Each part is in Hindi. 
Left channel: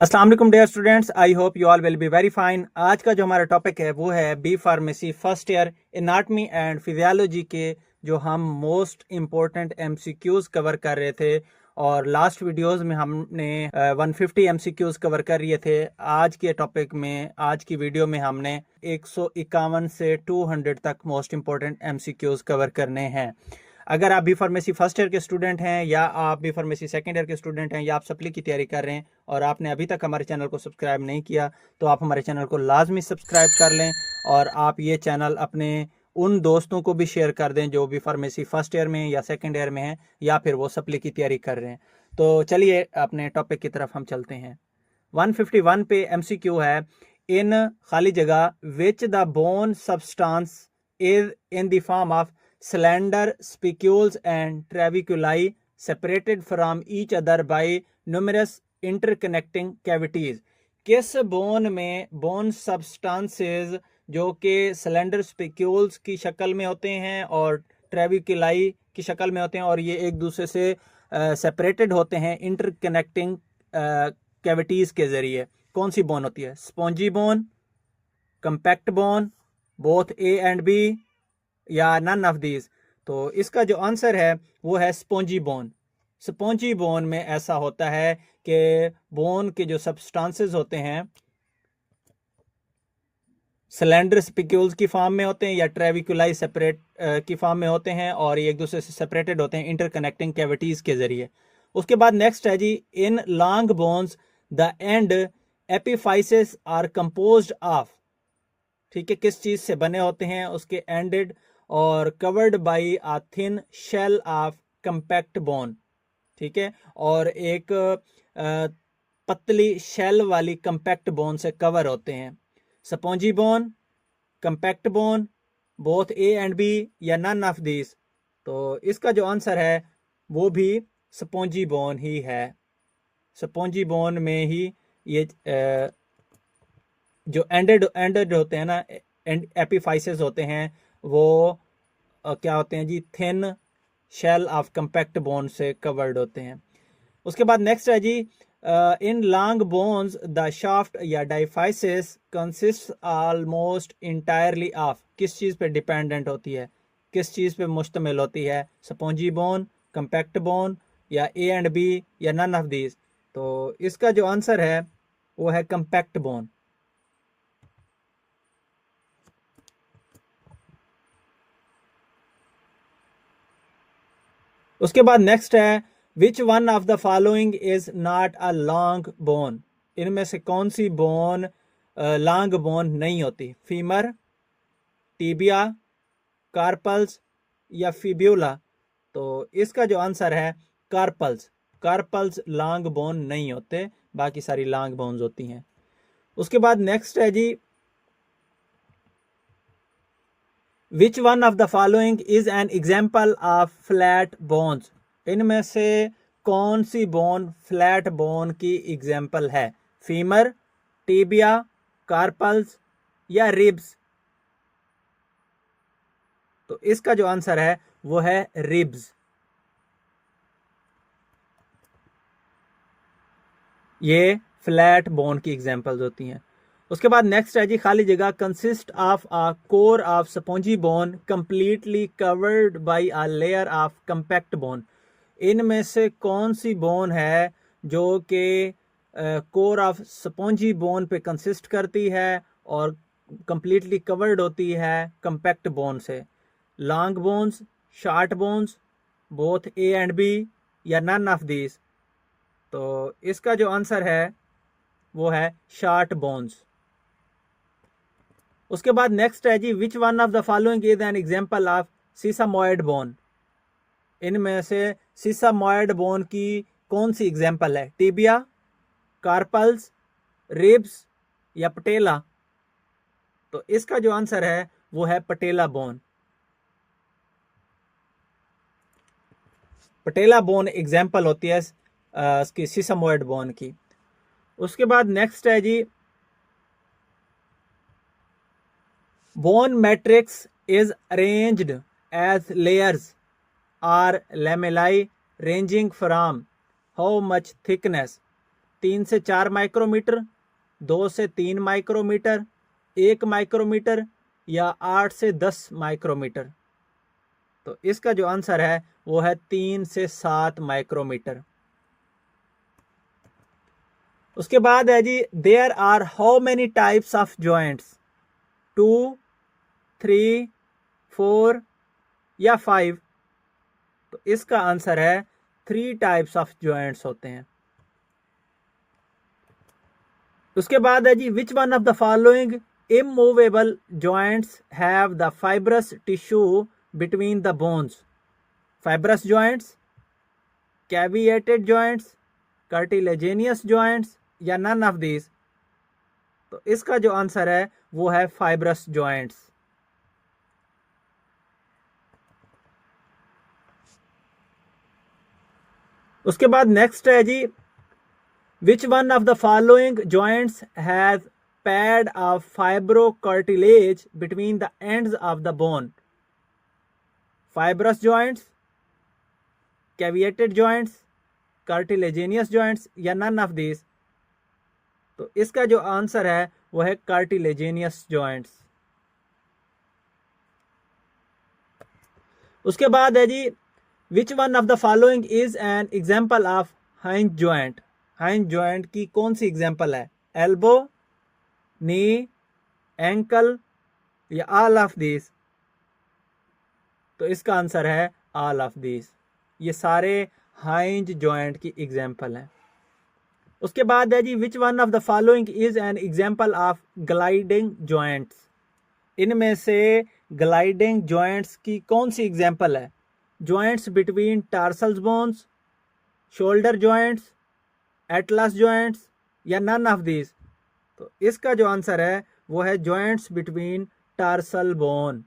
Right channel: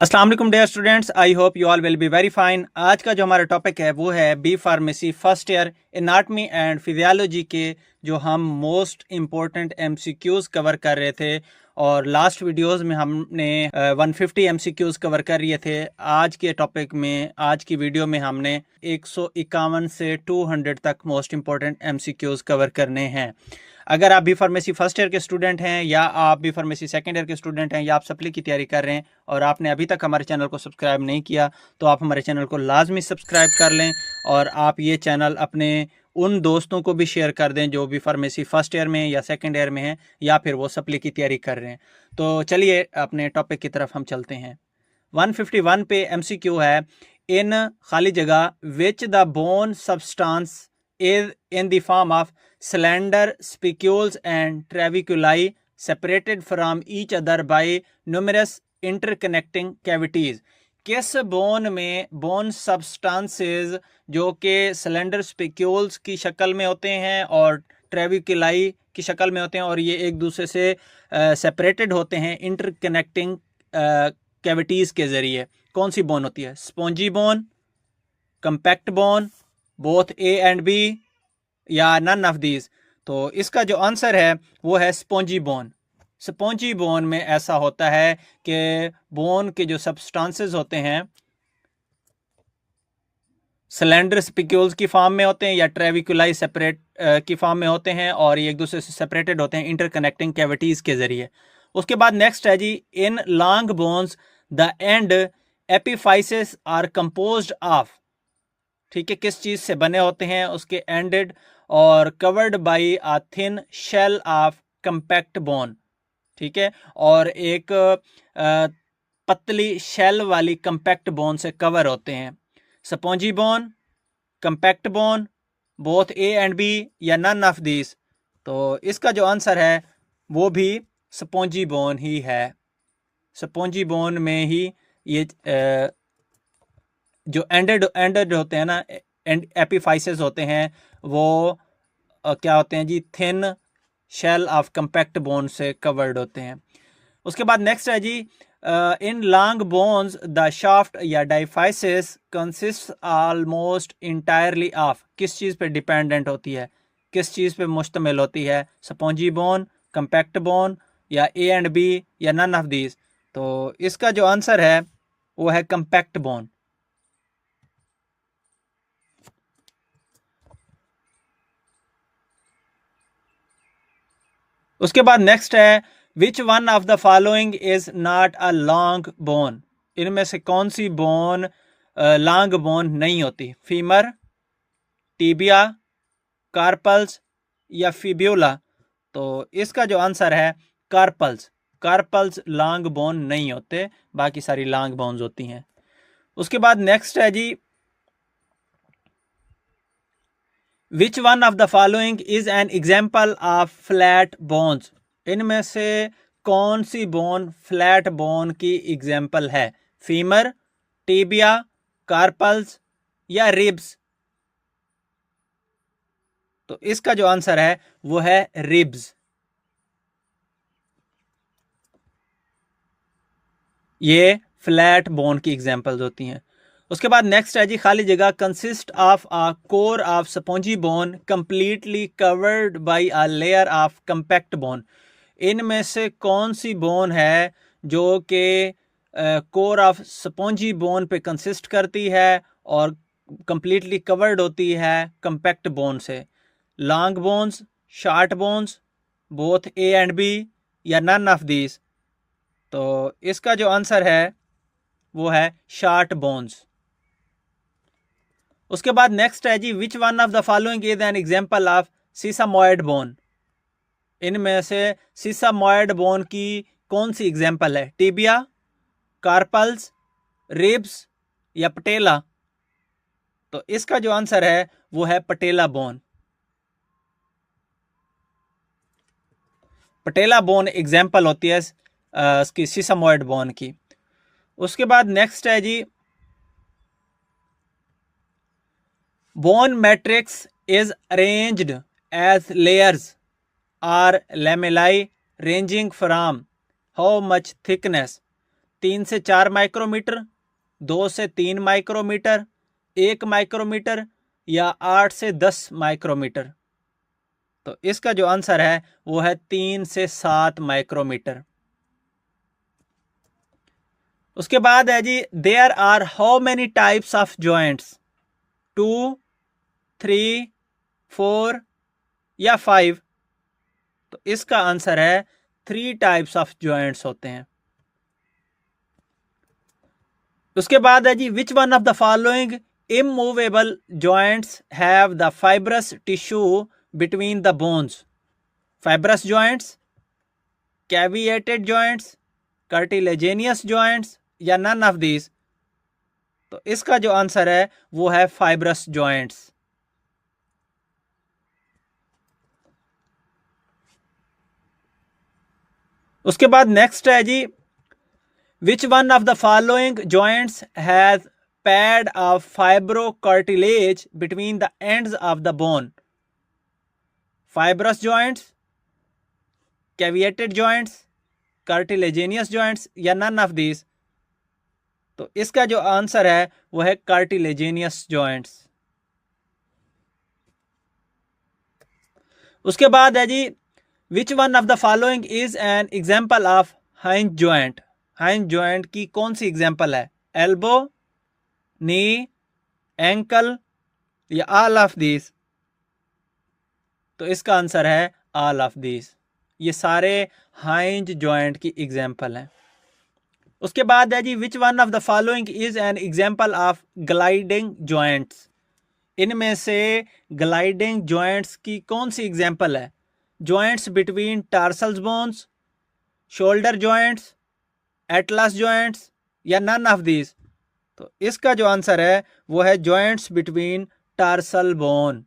अस्सलाम वालेकुम dear students, I hope you all will be very fine. आज का जो हमारा टॉपिक है वो है B pharmacy first year anatomy and physiology के जो हम मोस्ट इम्पोर्टेंट एमसीक्यूज कवर कर रहे थे और लास्ट वीडियोस में हमने 150 एमसीक्यूज कवर कर रहे थे। आज के टॉपिक में, आज की वीडियो में हमने 151 से 200 तक मोस्ट इम्पोर्टेंट एमसीक्यूज कवर करने हैं। अगर आप बी फार्मेसी फर्स्ट ईयर के स्टूडेंट हैं या आप बी फार्मेसी सेकेंड ईयर के स्टूडेंट हैं या आप सप्ली की तैयारी कर रहे हैं और आपने अभी तक हमारे चैनल को सब्सक्राइब नहीं किया तो आप हमारे चैनल को लाजमी सब्सक्राइब कर लें और आप ये चैनल अपने उन दोस्तों को भी शेयर कर दें जो बी फार्मेसी फर्स्ट ईयर में या सेकेंड ईयर में हैं या फिर वो सप्ली की तैयारी कर रहे हैं। तो चलिए अपने टॉपिक की तरफ हम चलते हैं। 151 पे एमसीक्यू है, इन खाली जगह which the bone substance is in the form of slender spicules and trabeculi separated from each other by numerous interconnecting cavities। किस बोन में बोन सब्सटेंसेस जो कि स्लेंडर स्पिक्यूल्स की शक्ल में होते हैं और ट्रेबिकुलाई की शक्ल में होते हैं और ये एक दूसरे से सेपरेटेड होते हैं इंटरकनेक्टिंग कैविटीज़ के ज़रिए, कौन सी बोन होती है? Spongy bone, compact bone, both A and B या नन ऑफ दीज। तो इसका जो आंसर है वो है स्पॉन्जी बोन। स्पॉन्जी बोन में ऐसा होता है कि बोन के जो सब्सटेंसेस होते हैं सिलेंडर स्पिक्यूल्स की फॉर्म में होते हैं या ट्रेविकुलाई सेपरेट की फॉर्म में होते हैं और ये एक दूसरे से सेपरेटेड होते हैं इंटरकनेक्टिंग कैविटीज के जरिए। उसके बाद नेक्स्ट है जी, in long bones the end epiphyses are composed of. ठीक है, किस चीज से बने होते हैं उसके एंडेड और covered by a thin shell of compact bone. ठीक है, और एक पतली शेल वाली कंपैक्ट बोन से कवर होते हैं। Spongy bone, compact bone, both A and B या नन ऑफ दिस। तो इसका जो आंसर है वो भी स्पॉन्जी बोन ही है। स्पॉन्जी बोन में ही ये जो एंडेड होते हैं ना, एपिफाइसेस होते हैं, वो क्या होते हैं जी, thin shell of compact bone से कवर्ड होते हैं। उसके बाद नेक्स्ट है जी, in long bones the shaft या diaphysis consist almost entirely of. किस चीज़ पे डिपेंडेंट होती है, किस चीज़ पे मुश्तमिल होती है? स्पॉन्जी बोन, कंपैक्ट बोन या ए एंड बी या नन ऑफ दीज। तो इसका जो आंसर है वो है कंपैक्ट बोन। उसके बाद नेक्स्ट है, which one of the following is not a long bone. इनमें से कौन सी बोन लॉन्ग बोन नहीं होती? फीमर, टीबिया, कार्पल्स या फिब्यूला। तो इसका जो आंसर है कार्पल्स। कार्पल्स लॉन्ग बोन नहीं होते, बाकी सारी लॉन्ग बोन्स होती हैं। उसके बाद नेक्स्ट है जी, which one of the following is an example of flat bones. इनमें से कौन सी बोन फ्लैट बोन की एग्जाम्पल है? फीमर, टीबिया, कार्पल्स या रिब्स। तो इसका जो आंसर है वो है रिब्स। ये फ्लैट बोन की एग्जाम्पल्स होती हैं। उसके बाद नेक्स्ट है जी, खाली जगह, consist of a core of spongy bone completely covered by a layer of compact bone. इनमें से कौन सी बोन है जो कि कोर ऑफ स्पॉन्जी बोन पे कंसिस्ट करती है और कंप्लीटली कवर्ड होती है कंपैक्ट बोन से? Long bones, short bones, both A and B या नन ऑफ दिस। तो इसका जो आंसर है वो है शॉर्ट बोन्स। उसके बाद नेक्स्ट है जी, which one of the following is an example of sesamoid bone. इनमें से सीसामॉइड बोन की कौन सी एग्जांपल है? टिबिया, कार्पल्स, रिब्स या पटेला। तो इसका जो आंसर है वो है patella bone. Patella bone example होती है इसकी सीसामॉइड बोन की। उसके बाद नेक्स्ट है जी, bone matrix is arranged as layers or lamellae ranging from how much thickness। 3 से 4 माइक्रोमीटर, 2 से 3 माइक्रोमीटर, 1 माइक्रोमीटर या 8 से 10 माइक्रोमीटर? तो इसका जो आंसर है वो है 3 से 7 माइक्रोमीटर। उसके बाद है जी, there are how many types of joints? 2, 3, 4 या 5? तो इसका आंसर है 3 टाइप्स ऑफ जॉइंट्स होते हैं। उसके बाद है जी, which one of the following immovable joints have the fibrous tissue between the bones? Fibrous joints, cavitated joints, cartilaginous joints या नन ऑफ दीज? तो इसका जो आंसर है वो है फाइब्रस जॉइंट्स। उसके बाद नेक्स्ट है जी, which one of the following joints has pad of fibrocartilage between the ends of the bone? Fibrous joints, cavitated joints, cartilaginous joints या नन ऑफ दीज? तो इसका जो आंसर है वो है कार्टिलेजेनियस जॉइंट्स। उसके बाद है जी, which one of the following is an example of hinge joint? Hinge joint की कौन सी एग्जाम्पल है? एल्बो, नी, एंकल या ऑल ऑफ दीज? तो इसका आंसर है ऑल ऑफ दीज। ये सारे हाइंज जॉइंट की एग्जाम्पल हैं। उसके बाद है जी, which one of the following is an example of gliding joints? इनमें से ग्लाइडिंग जॉइंट्स की कौन सी एग्जाम्पल है? Joints between tarsals bones, shoulder joints, atlas joints या नन ऑफ दीज? तो इसका जो आंसर है वो है जॉइंट्स बिटवीन टार्सल बोन।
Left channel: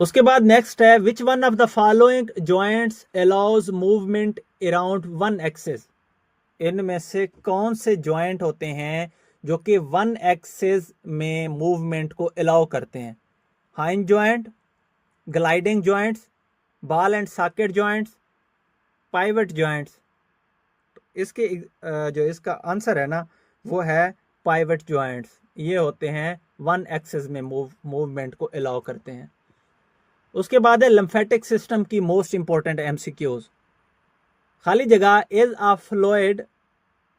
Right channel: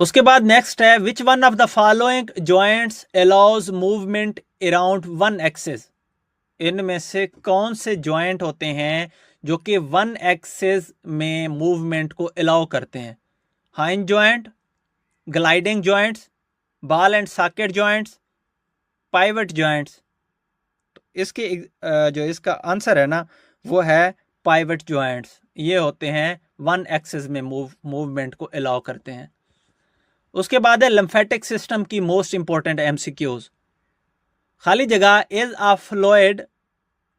उसके बाद नेक्स्ट है, which one of the following joints allows movement around one axis? इनमें से कौन से जॉइंट होते हैं जो कि वन एक्सिस में मूवमेंट को अलाउ करते हैं? हाइंज joint, gliding joints, ball and socket joints, pivot joints? तो इसके जो इसका आंसर है ना वो है पाइवट जॉइंट्स। ये होते हैं वन एक्सिस में मूवमेंट को अलाउ करते हैं। उसके बाद है लिम्फेटिक सिस्टम की मोस्ट इंपॉर्टेंट एमसीक्यूज। खाली जगह is a fluid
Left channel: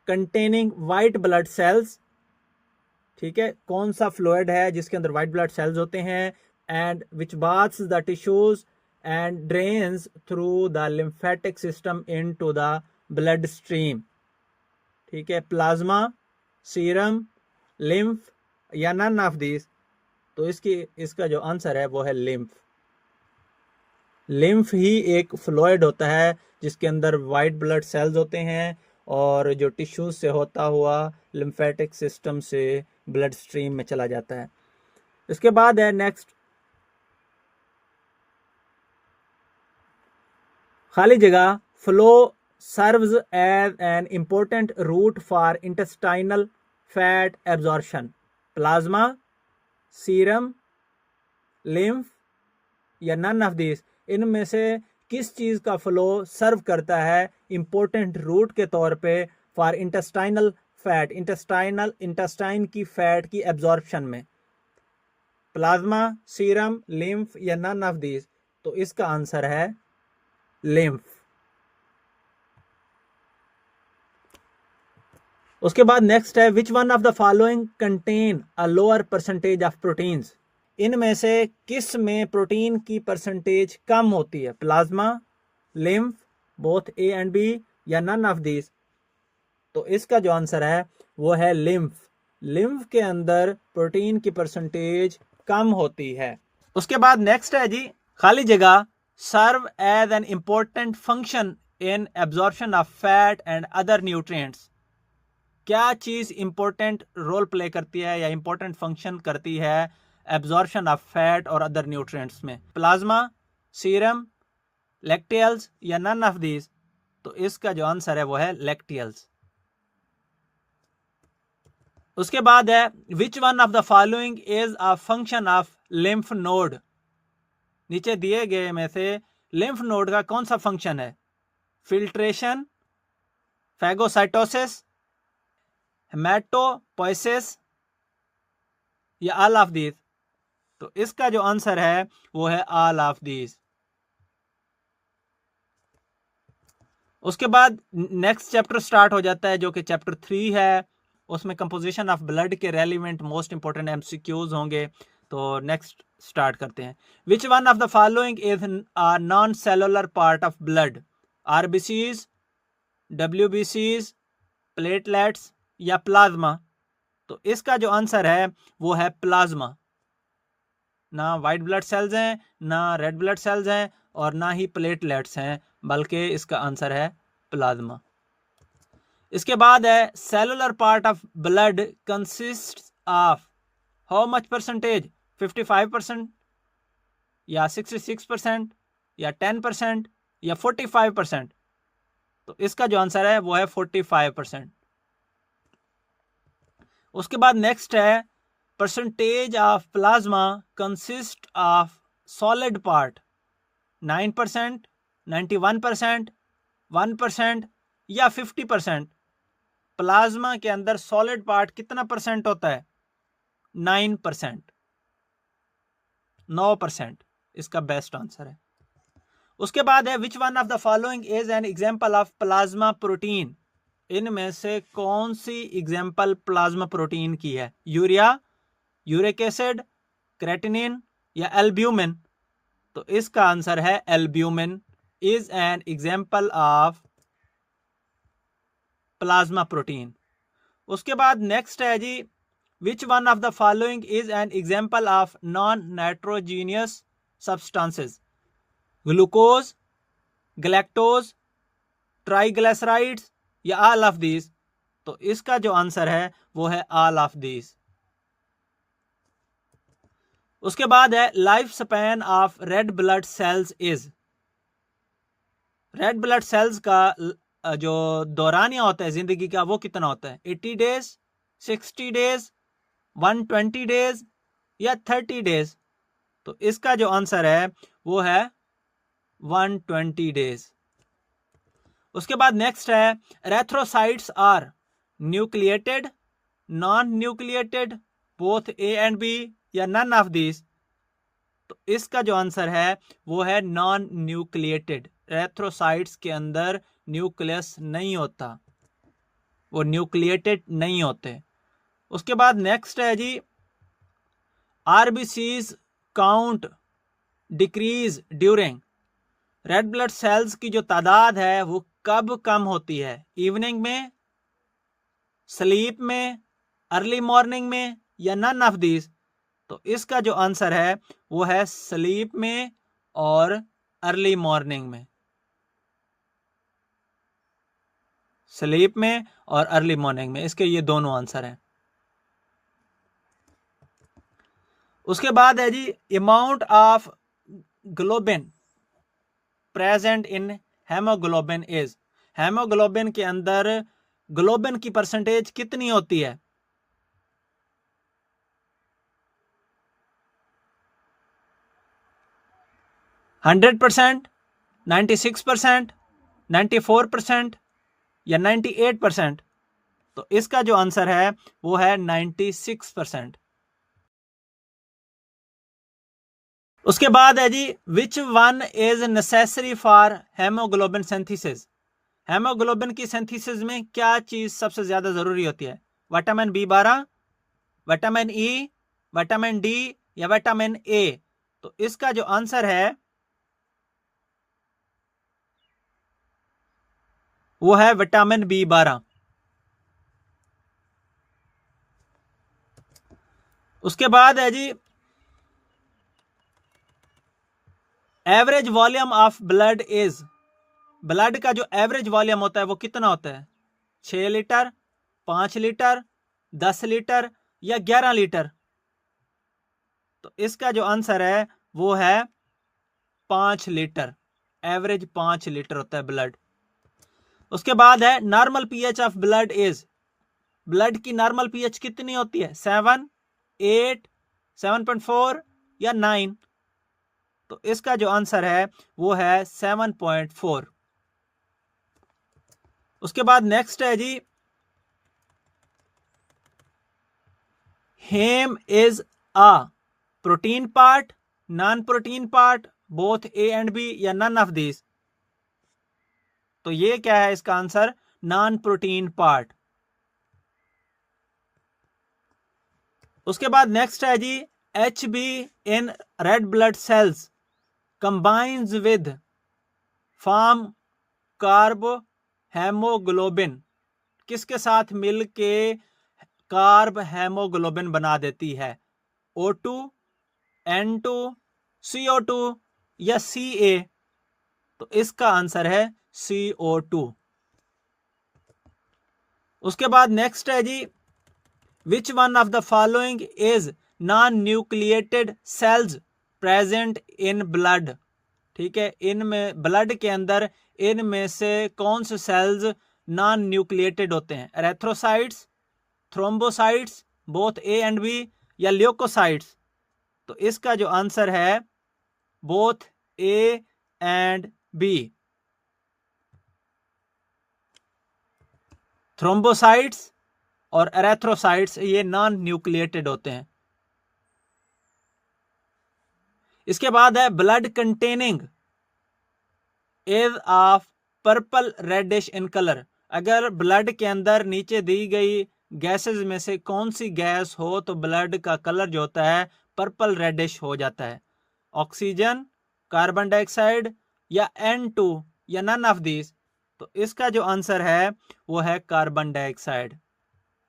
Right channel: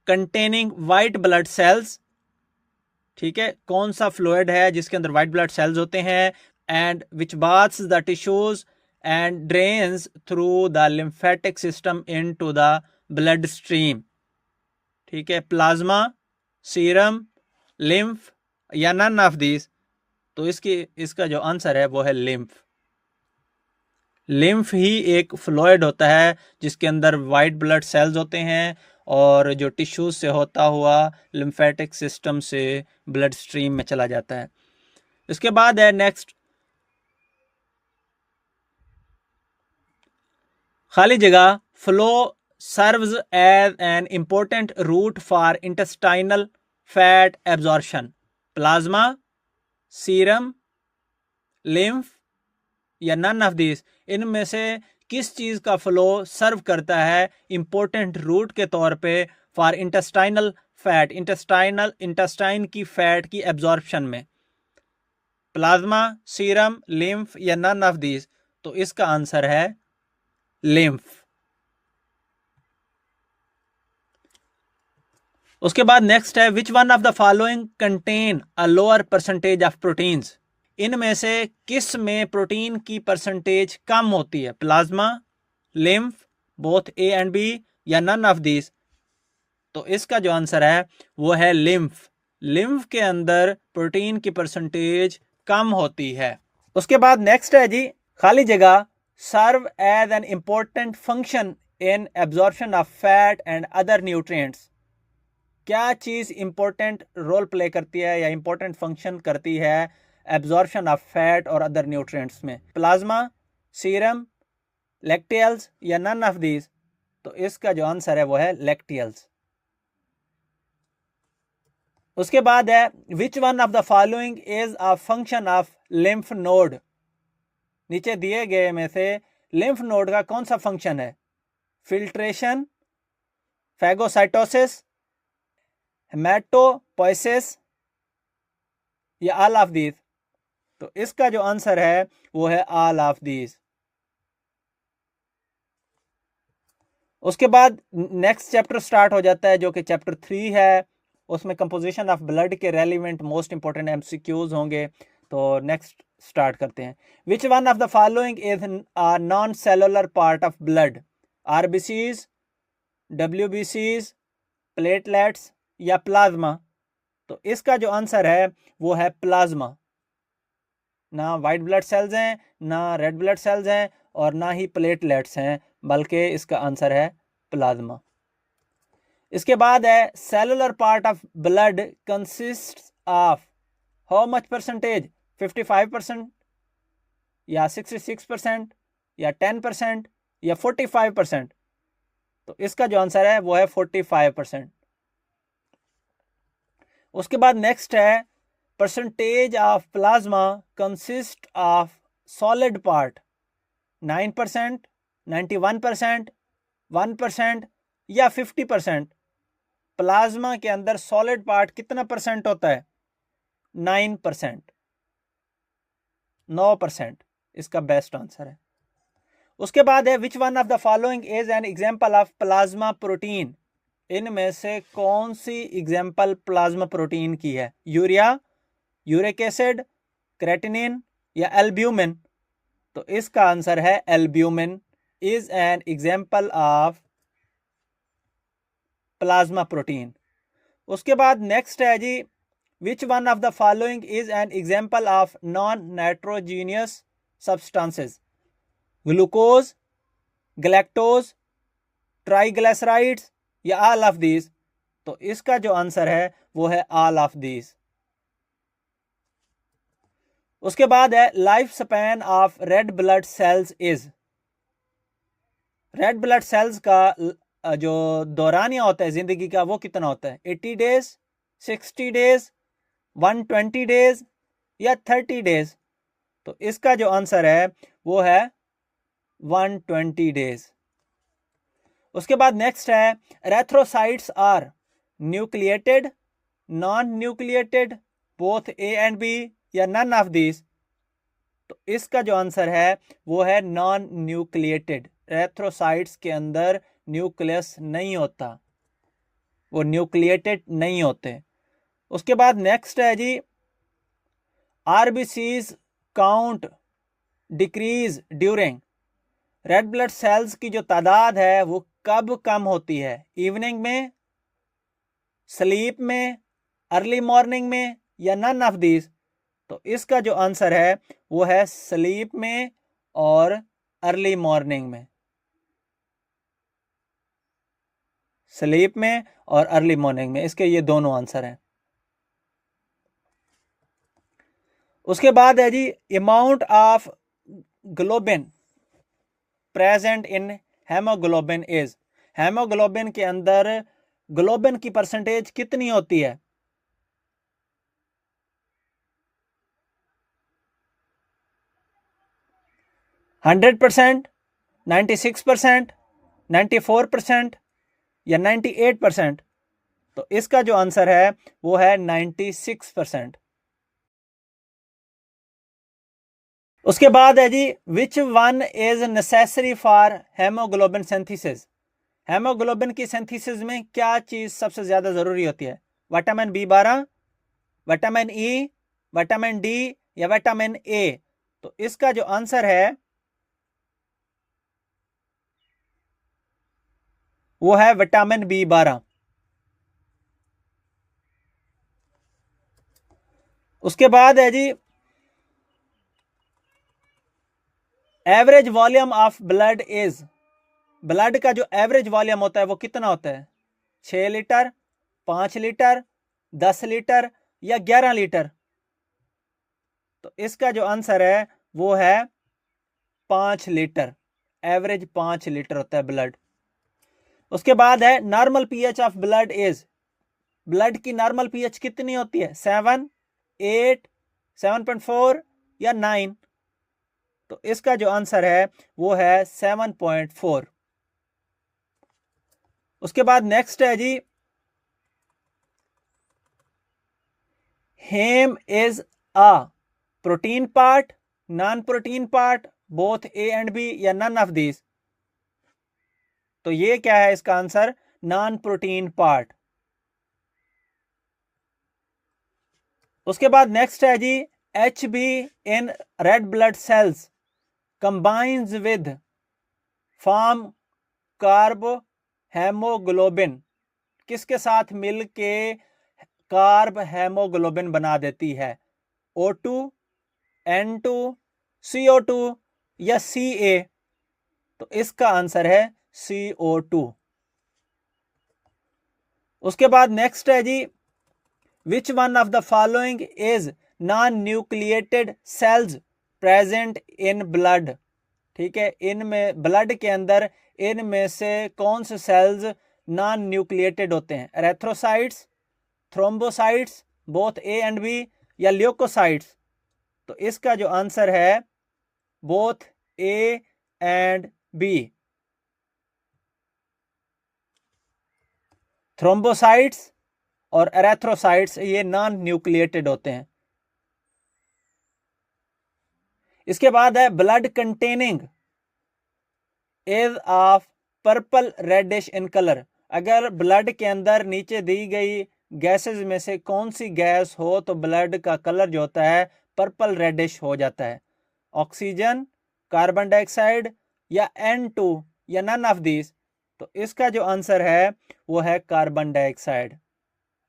containing white blood cells. ठीक है, कौन सा फ्लूइड है जिसके अंदर वाइट ब्लड सेल्स होते हैं? And which baths the tissues and drains through the lymphatic system into the blood stream? ठीक है, प्लाज्मा, सीरम, लिम्फ या नन ऑफ दीज? तो इसका जो आंसर है वो है लिम्फ। लिम्फ ही एक फ्लूइड होता है जिसके अंदर वाइट ब्लड सेल्स होते हैं और जो टिश्यूज से होता हुआ लिम्फेटिक सिस्टम से ब्लड स्ट्रीम में चला जाता है। इसके बाद है नेक्स्ट, खाली जगह flow serves as an important route for intestinal fat absorption? Plasma, serum, lymph या नन ऑफ दिस? इनमें से किस चीज का फ्लो सर्व करता है इंपॉर्टेंट रूट के तौर पे फॉर इंटेस्टाइनल फैट, इंटेस्टाइन की फैट की एब्जॉर्प्शन में? प्लाज्मा, सीरम, लिम्फ या नन ऑफ दिस? तो इसका आंसर है लिम्फ। उसके बाद नेक्स्ट है, which one of the following contain a lower percentage of proteins? इनमें से किस में प्रोटीन की परसेंटेज कम होती है? Plasma, lymph, both A and B या नन ऑफ दिस? तो इसका जो आंसर है वो है लिम्फ। लिम्फ के अंदर प्रोटीन की परसेंटेज कम होती है। उसके बाद नेक्स्ट है जी, खाली जगह serve as an important function in absorption of fat and other nutrients? क्या चीज इंपॉर्टेंट रोल प्ले करती है या इंपॉर्टेंट फंक्शन करती है एब्जॉर्प्शन ऑफ फैट और अदर न्यूट्रिएंट्स में? प्लाज्मा, सीरम, लैक्टियल्स या नन ऑफ दीज? तो इसका जो आंसर है वो है लैक्टियल्स। उसके बाद है, which one of the following is a function of lymph node? नीचे दिए गए में से लिम्फ नोड का कौन सा फंक्शन है? फिल्ट्रेशन, फैगोसाइटोसिस, हेमाटोपोइसिस या ऑल ऑफ दीज? तो इसका जो आंसर है वो है ऑल ऑफ दीज। उसके बाद नेक्स्ट चैप्टर स्टार्ट हो जाता है जो कि चैप्टर 3 है। उसमें कंपोजिशन ऑफ ब्लड के रेलिवेंट मोस्ट इंपॉर्टेंट एमसीक्यूज होंगे। तो नेक्स्ट स्टार्ट करते हैं। Which one of the following is a non cellular part of blood? RBCs, डब्ल्यूबीसीज, प्लेटलेट्स या प्लाज्मा? तो इसका जो आंसर है वो है प्लाज्मा। ना वाइट ब्लड सेल्स हैं, ना रेड ब्लड सेल्स हैं और ना ही प्लेटलेट्स हैं, बल्कि इसका आंसर है प्लाज्मा। इसके बाद है cellular part of blood consist of how much percentage? 55% या 66% या 10% या 45%? तो इसका जो आंसर है वो है 45%। उसके बाद नेक्स्ट है percentage of plasma consist of solid part? 9%, 91%, 1% या 50%? प्लाज्मा के अंदर सॉलिड पार्ट कितना परसेंट होता है? 9%, 9% इसका बेस्ट आंसर है। उसके बाद है which one of the following is an example of plasma protein? इनमें से कौन सी एग्जांपल प्लाज्मा प्रोटीन की है? यूरिया, यूरिक एसिड, क्रेटिनिन या एल्ब्यूमिन? तो इसका आंसर है albumin is an example of plasma protein. उसके बाद नेक्स्ट है जी which one of the following is an example of non nitrogenous substances? Glucose, galactose, triglycerides या ऑल ऑफ दीज? तो इसका जो आंसर है वो है ऑल ऑफ दीज। उसके बाद है life span of red blood sales is? Red blood sales का जो दौरानिया होता है जिंदगी का वो कितना होता है? 80 डेज, 60 डेज, 120 डेज या 30 डेज? तो इसका जो आंसर है वो है 120 डेज। उसके बाद नेक्स्ट है erythrocytes are nucleated, non nucleated, both A and B या नन ऑफ दिस? तो इसका जो आंसर है वो है नॉन न्यूक्लिएटेड। एरिथ्रोसाइट्स के अंदर न्यूक्लियस नहीं होता, वो न्यूक्लिएटेड नहीं होते। उसके बाद नेक्स्ट है जी RBCs count decrease during? Red blood cells की जो तादाद है वो कब कम होती है? इवनिंग में, स्लीप में, अर्ली मॉर्निंग में या नन ऑफ दिस? तो इसका जो आंसर है वो है स्लीप में और अर्ली मॉर्निंग में। स्लीप में और अर्ली मॉर्निंग में, इसके ये दोनों आंसर हैं। उसके बाद है जी amount of globin present in haemoglobin is? Haemoglobin के अंदर ग्लोबिन की परसेंटेज कितनी होती है? 100%, 96%, 94% या 98%? तो इसका जो आंसर है वो है 96%। उसके बाद है जी which one is necessary for haemoglobin synthesis? Haemoglobin की सिंथेसिस में क्या चीज सबसे ज्यादा जरूरी होती है? Vitamin B12, vitamin E, vitamin D या विटामिन A? तो इसका जो आंसर है वो है विटामिन B12। उसके बाद है जी average volume of blood is? Blood का जो एवरेज वॉल्यूम होता है वो कितना होता है? 6 लीटर, 5 लीटर, 10 लीटर या 11 लीटर? तो इसका जो आंसर है वो है 5 लीटर। एवरेज 5 लीटर होता है ब्लड। उसके बाद है normal pH of blood is? Blood की नॉर्मल पीएच कितनी होती है? 7, 8, 7.4 या 9? तो इसका जो आंसर है वो है 7.4। उसके बाद नेक्स्ट है जी, haem is a protein part, non protein part, both A and B, या नन ऑफ दिस। तो ये क्या है इसका आंसर? Non protein part. उसके बाद नेक्स्ट है जी, H B in red blood cells combines with form carbhaemoglobin. किसके साथ मिलके कार्ब हेमोग्लोबिन बना देती है? O2, N2, CO2 या Ca? तो इसका आंसर है CO2। उसके बाद नेक्स्ट है जी, which one of the following is non nucleated cells present in blood. ठीक है, इनमें ब्लड के अंदर इनमें से कौन से सेल्स नॉन न्यूक्लिएटेड होते हैं? Erythrocytes, thrombocytes, both A and B, या ल्यूकोसाइट्स? तो इसका जो आंसर है both A and B. Thrombocytes और एरेथ्रोसाइट्स ये नॉन न्यूक्लिएटेड होते हैं। इसके बाद है blood containing is of purple reddish in colour. अगर ब्लड के अंदर नीचे दी गई गैसेस में से कौन सी गैस हो तो ब्लड का कलर जो होता है पर्पल रेडिश हो जाता है? ऑक्सीजन, कार्बन डाइऑक्साइड, या N2, या नन ऑफ दिस? तो इसका जो आंसर है वो है कार्बन डाइऑक्साइड।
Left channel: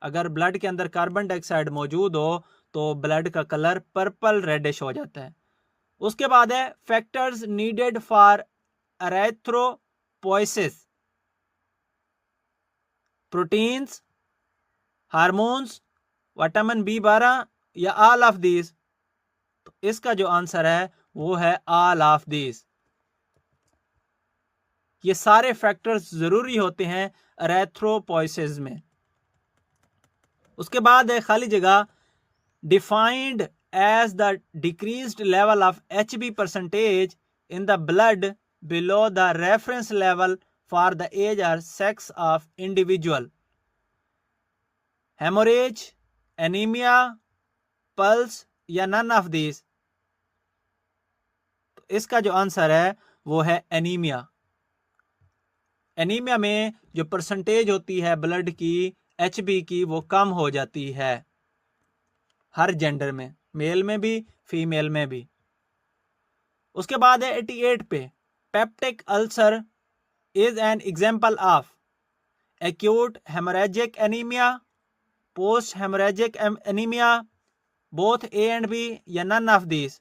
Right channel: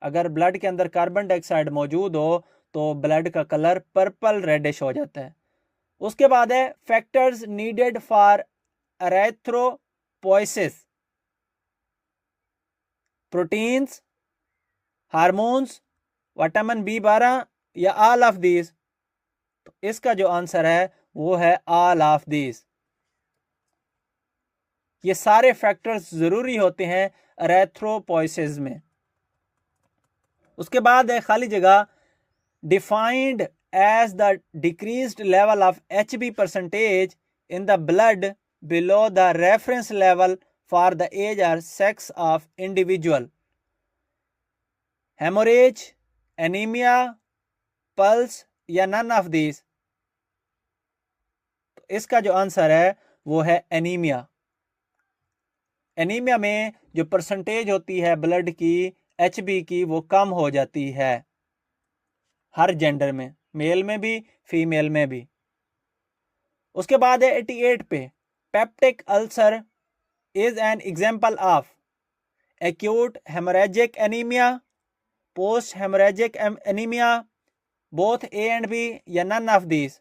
अगर ब्लड के अंदर कार्बन डाइऑक्साइड मौजूद हो तो ब्लड का कलर पर्पल रेडिश हो जाता है। उसके बाद है factors needed for erythropoiesis, proteins, hormones, vitamin B12, या ऑल ऑफ दिस? तो इसका जो आंसर है वो है ऑल ऑफ दिस। ये सारे फैक्टर्स जरूरी होते हैं एरेथ्रोपोइसिस में। उसके बाद है खाली जगह, defined as the decreased level of HB percentage in the blood below the reference level for the age और sex of individual. Haemorrhage, anaemia, pulse, या नन ऑफ दिस? इसका जो आंसर है वो है एनीमिया। एनीमिया में जो परसेंटेज होती है ब्लड की HB की वो कम हो जाती है हर जेंडर में, मेल में भी फीमेल में भी। उसके बाद है 88 पे, peptic ulcer is an example of acute haemorrhagic anaemia, post haemorrhagic anaemia, both A and B, या none of this?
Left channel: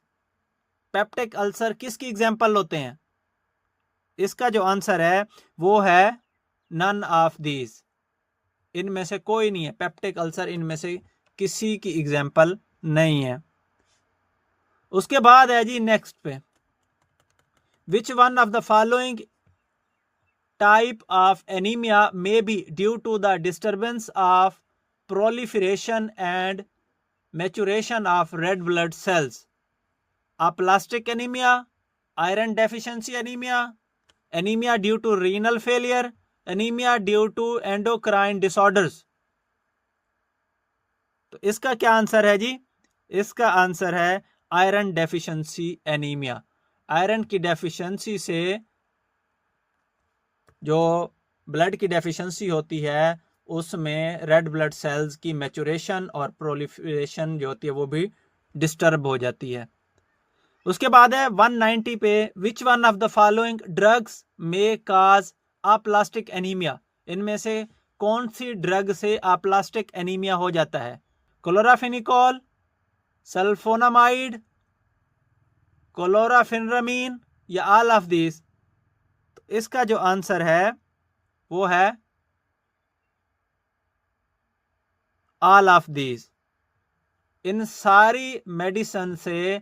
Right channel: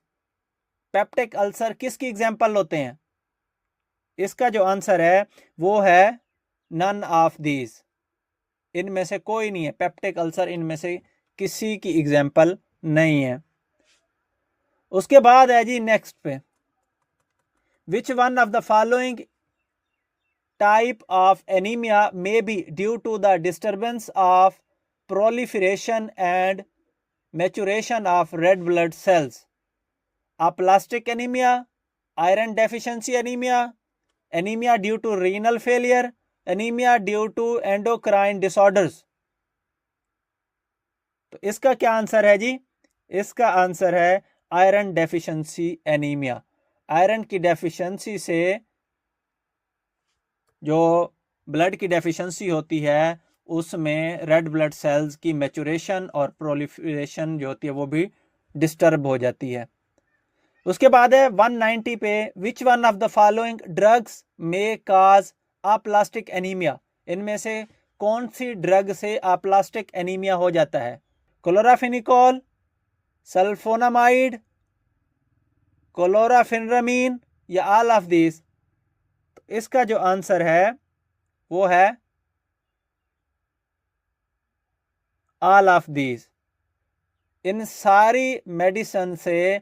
Peptic ulcer किसकी एग्जांपल होते हैं? इसका जो आंसर है वो है नन ऑफ दिस। इनमें से कोई नहीं है, पेप्टिक अल्सर इनमें से किसी की एग्जांपल नहीं है। उसके बाद है जी नेक्स्ट पे, which one of the following type of anaemia may be due to the disturbance of proliferation and maturation of red blood cells? aplastic anemia, iron deficiency anemia, anemia due to renal failure, anemia due to endocrine disorders? तो इसका क्या आंसर है जी? इसका आंसर है आयरन डेफिशिएंसी एनीमिया। आयरन की डेफिशिएंसी से जो ब्लड की डेफिशिएंसी होती है उसमें रेड ब्लड सेल्स की मैचुरेशन और प्रोलिफरेशन जो होती है वो भी डिस्टर्ब हो जाती है। उसके बाद है 190 पे, which one of the following drugs may cause aplastic anaemia? इनमें से कौन सी ड्रग से अप्लास्टिक एनीमिया हो जाता है? क्लोराफेनिकोल, सल्फोनामाइड, क्लोराफेनरामीन, या ऑल ऑफ दिस? तो इसका जो आंसर है वो है ऑल ऑफ दिस। इन सारी मेडिसिन से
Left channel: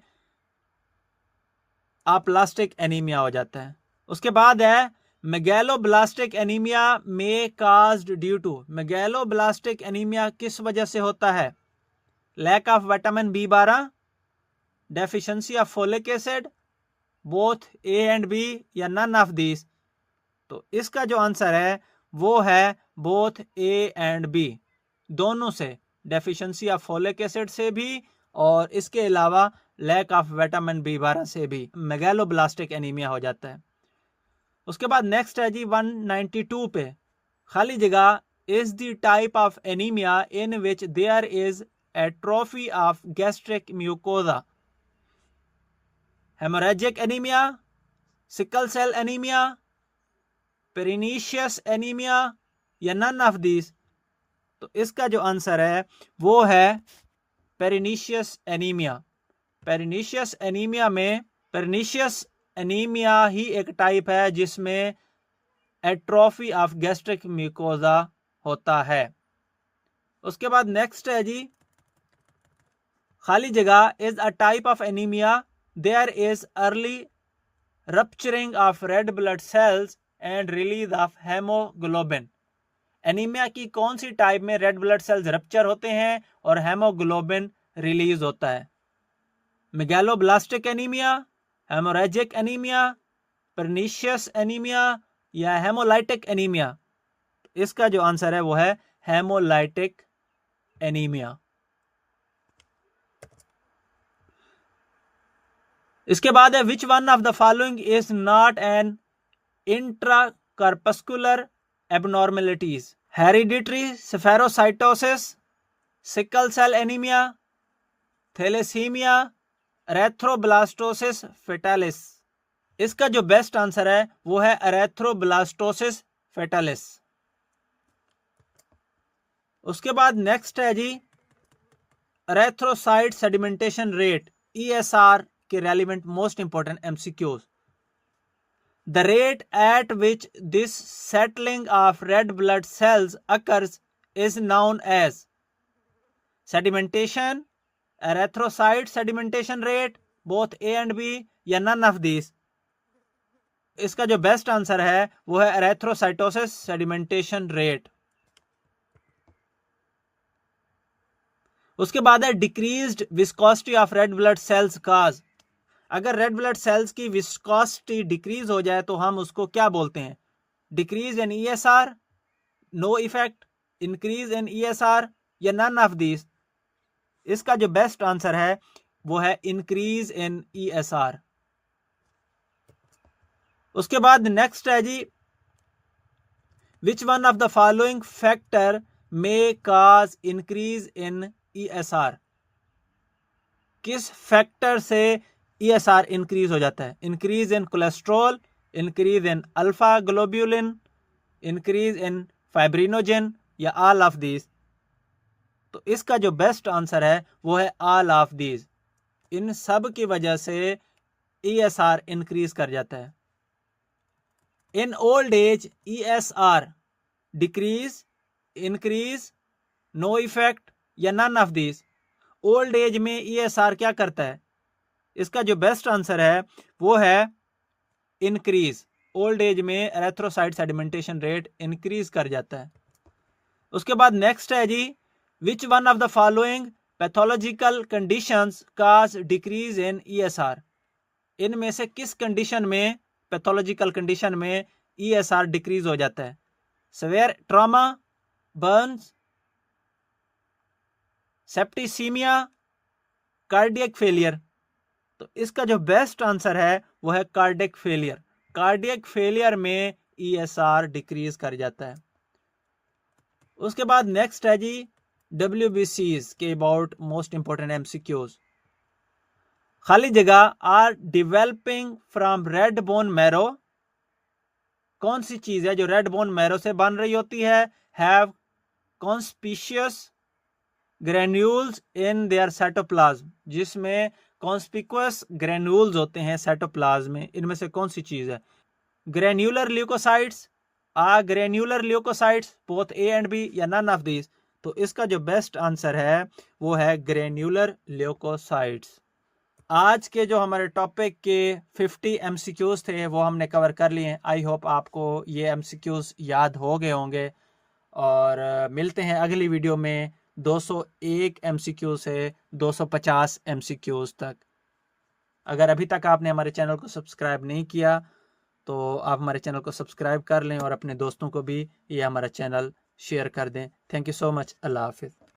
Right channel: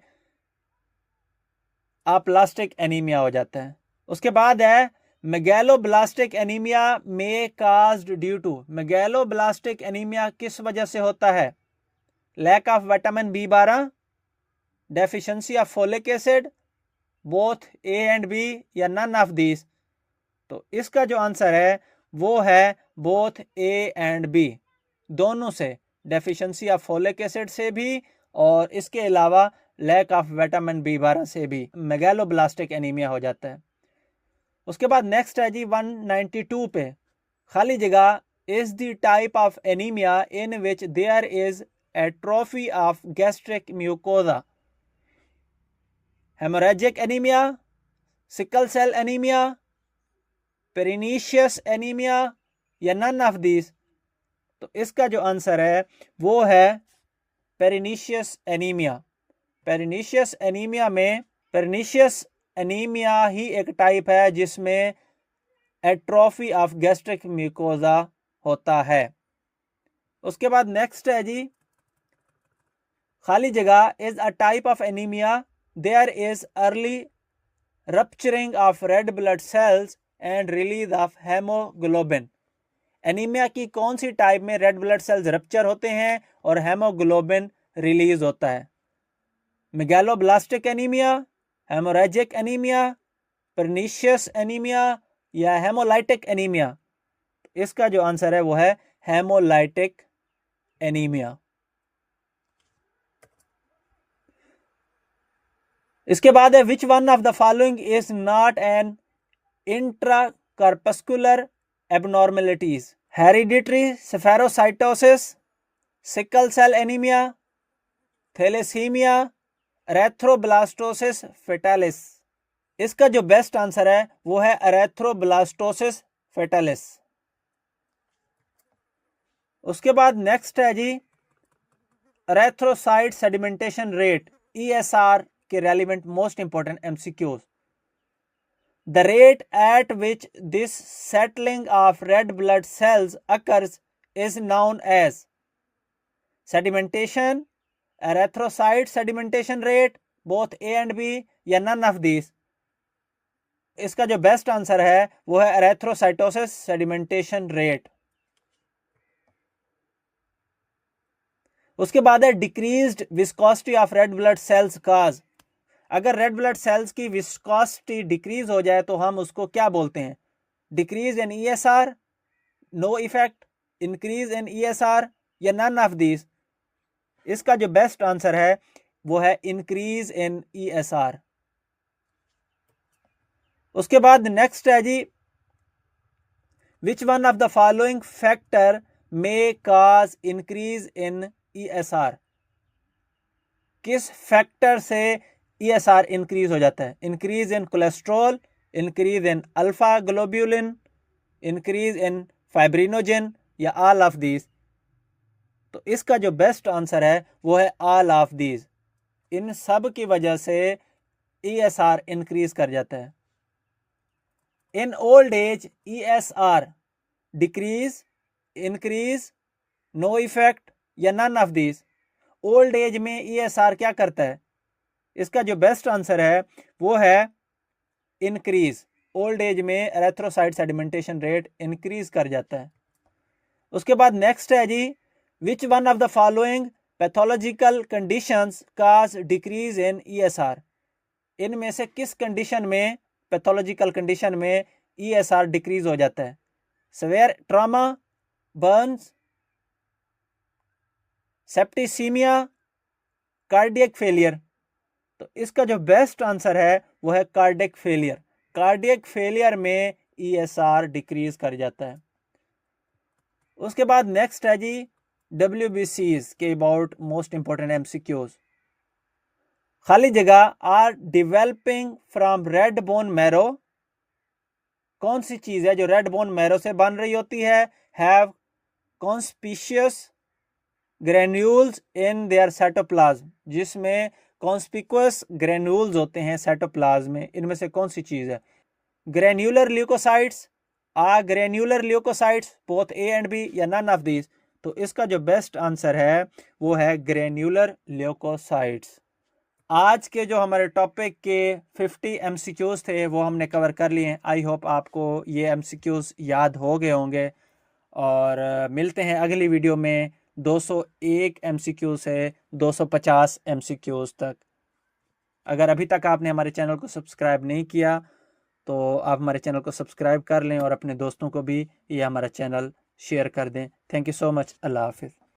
अप्लास्टिक एनीमिया हो जाता है। उसके बाद है मेगैलोब्लास्टिक एनीमिया में caused due to? Megaloblastic anaemia किस वजह से होता है? Lack of vitamin B12, deficiency of folic acid, both A and B या नन ऑफ दिस? तो इसका जो आंसर है वो है बोथ ए एंड बी, दोनों से, डेफिशिएंसी ऑफ फोलिक एसिड से भी और इसके अलावा लैक ऑफ विटामिन बी12 से भी मेगालोब्लास्टिक एनीमिया हो जाता है। उसके बाद नेक्स्ट है जी 192 पे, खाली जगह, is the type of anaemia in which there is atrophy of gastric mucosa, haemorrhagic anaemia, sickle cell anaemia, pernicious anaemia या नन ऑफ दिस? तो इसका जो आंसर है वो है पेरिनीशियस एनीमिया। पेरिनीशियस एनीमिया ही एक टाइप है जिसमें एट्रोफी ऑफ गैस्ट्रिक म्यूकोजा होता है। उसके बाद नेक्स्ट है जी, खाली जगह, is a type of anaemia there is early rupturing of red blood cells and release of haemoglobin. Anaemia की कौन सी टाइप में रेड ब्लड सेल्स रप्चर होते हैं और हेमोग्लोबिन रिलीज होता है? Megaloblastic anaemia, haemorrhagic anaemia, pernicious anaemia या हेमोलाइटिक एनीमिया? इसका जो आंसर है वो है हेमोलाइटिक एनीमिया। इसके बाद है which one of the following is not an intracorpuscular abnormalities? Hereditary spherocytosis, sickle cell anaemia, thalassaemia, erythroblastosis fetalis? इसका जो बेस्ट आंसर है वो है एरेथ्रोब्लास्टोसिस फेटालिस। उसके बाद नेक्स्ट है जी एरेथ्रोसाइट सेडिमेंटेशन रेट, ESR के relevant most important MCQs। The rate at which this settling of red blood cells occurs is known as sedimentation, erythrocyte sedimentation rate, both A and B या none of these? इसका जो बेस्ट आंसर है वो है एरेथ्रोसाइटोसिस सेडिमेंटेशन रेट। उसके बाद है decreased viscosity of red blood cells cause. अगर रेड ब्लड सेल्स की विस्कोसिटी डिक्रीज हो जाए तो हम उसको क्या बोलते हैं? Decrease in ESR, no effect, increase in ESR या नन ऑफ दिस? इसका जो बेस्ट आंसर है वो है इंक्रीज इन ESR। उसके बाद नेक्स्ट है जी which one of the following factor may cause increase in ESR? किस फैक्टर से ESR इंक्रीज हो जाता है? Increase in cholesterol, increase in alpha globulin, increase in fibrinogen या ऑल ऑफ दीज? तो इसका जो बेस्ट आंसर है वो है ऑल ऑफ दीज। इन सब की वजह से ESR इंक्रीज कर जाता है। In old age ESR decrease, increase, no effect या none of these? Old age में ESR क्या करता है? इसका जो बेस्ट आंसर है वो है इंक्रीज। ओल्ड एज में एरेथ्रोसाइट सेडिमेंटेशन रेट इंक्रीज कर जाता है। उसके बाद नेक्स्ट है जी which one of the following pathological conditions cause decrease in ESR? इनमें से किस कंडीशन में, पैथोलॉजिकल कंडीशन में ESR डिक्रीज हो जाता है? Severe trauma, burns, septicaemia, cardiac failure? तो इसका जो बेस्ट आंसर है वो है कार्डियक फेलियर। कार्डियक फेलियर में ESR डिक्रीज कर जाता है। उसके बाद नेक्स्ट है जी WBCs के अबाउट मोस्ट इंपॉर्टेंट MCQs। खाली जगह, are developing from red bone marrow? कौन सी चीज है जो रेड बोन मैरो से बन रही होती है? Have conspicuous granules in their cytoplasm, जिसमें कॉन्स्पिकुअस ग्रेन्यूल्स होते हैं साइटोप्लाज्म में। इनमें से कौन सी चीज है? Granular leucocytes, granular leucocytes, both A and B या नन ऑफ दिस? तो इसका जो बेस्ट आंसर है वो है ग्रेन्यूलर ल्यूकोसाइट्स। आज के जो हमारे टॉपिक के 50 MCQs थे वो हमने कवर कर लिए। आई होप आपको ये MCQs याद हो गए होंगे और मिलते हैं अगली वीडियो में 201 MCQ से 250 MCQs तक। अगर अभी तक आपने हमारे चैनल को सब्सक्राइब नहीं किया तो आप हमारे चैनल को सब्सक्राइब कर लें और अपने दोस्तों को भी ये हमारा चैनल शेयर कर दें। Thank you so much. अल्लाह हाफिज़।